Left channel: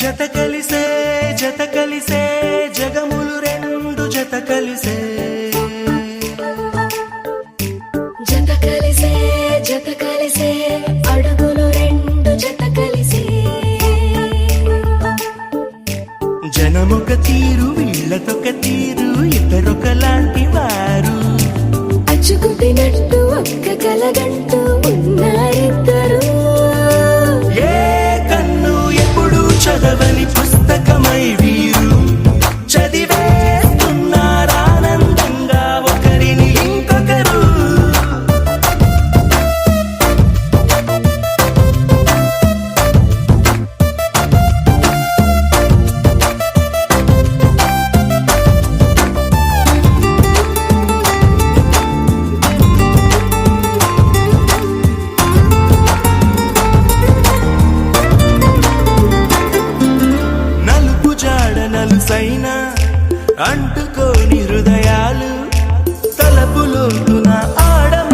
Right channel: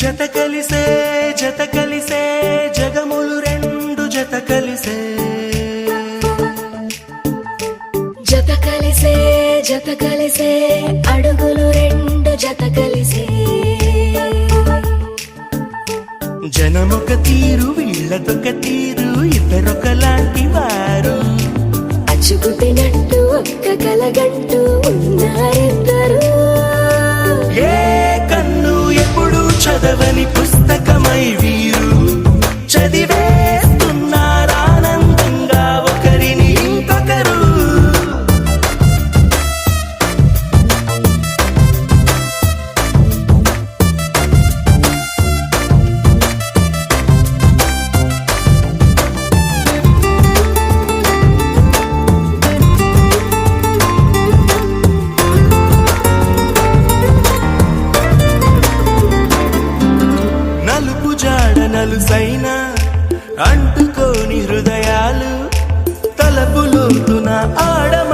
జత కలిసే జగములు రెండు జత కలిసే అడుగులు రెండు జత కలిసే జనమొక తీరు వీళ్ళదొక తీరు ఇద్దరొకలాంటి వారు అచ్చుకుతినట్టు ఒక్క కలగంటూ ఉన్నారిద్దరు ఏ కన్ను ఎప్పుడు చదవని పుస్తకమై వీరు చదివేస్తున్నారానందంగా ఒకరిని ఇంకొకరు. నలుసైన అంటుకోని హృదయాలు తలపులోతున ఆడమ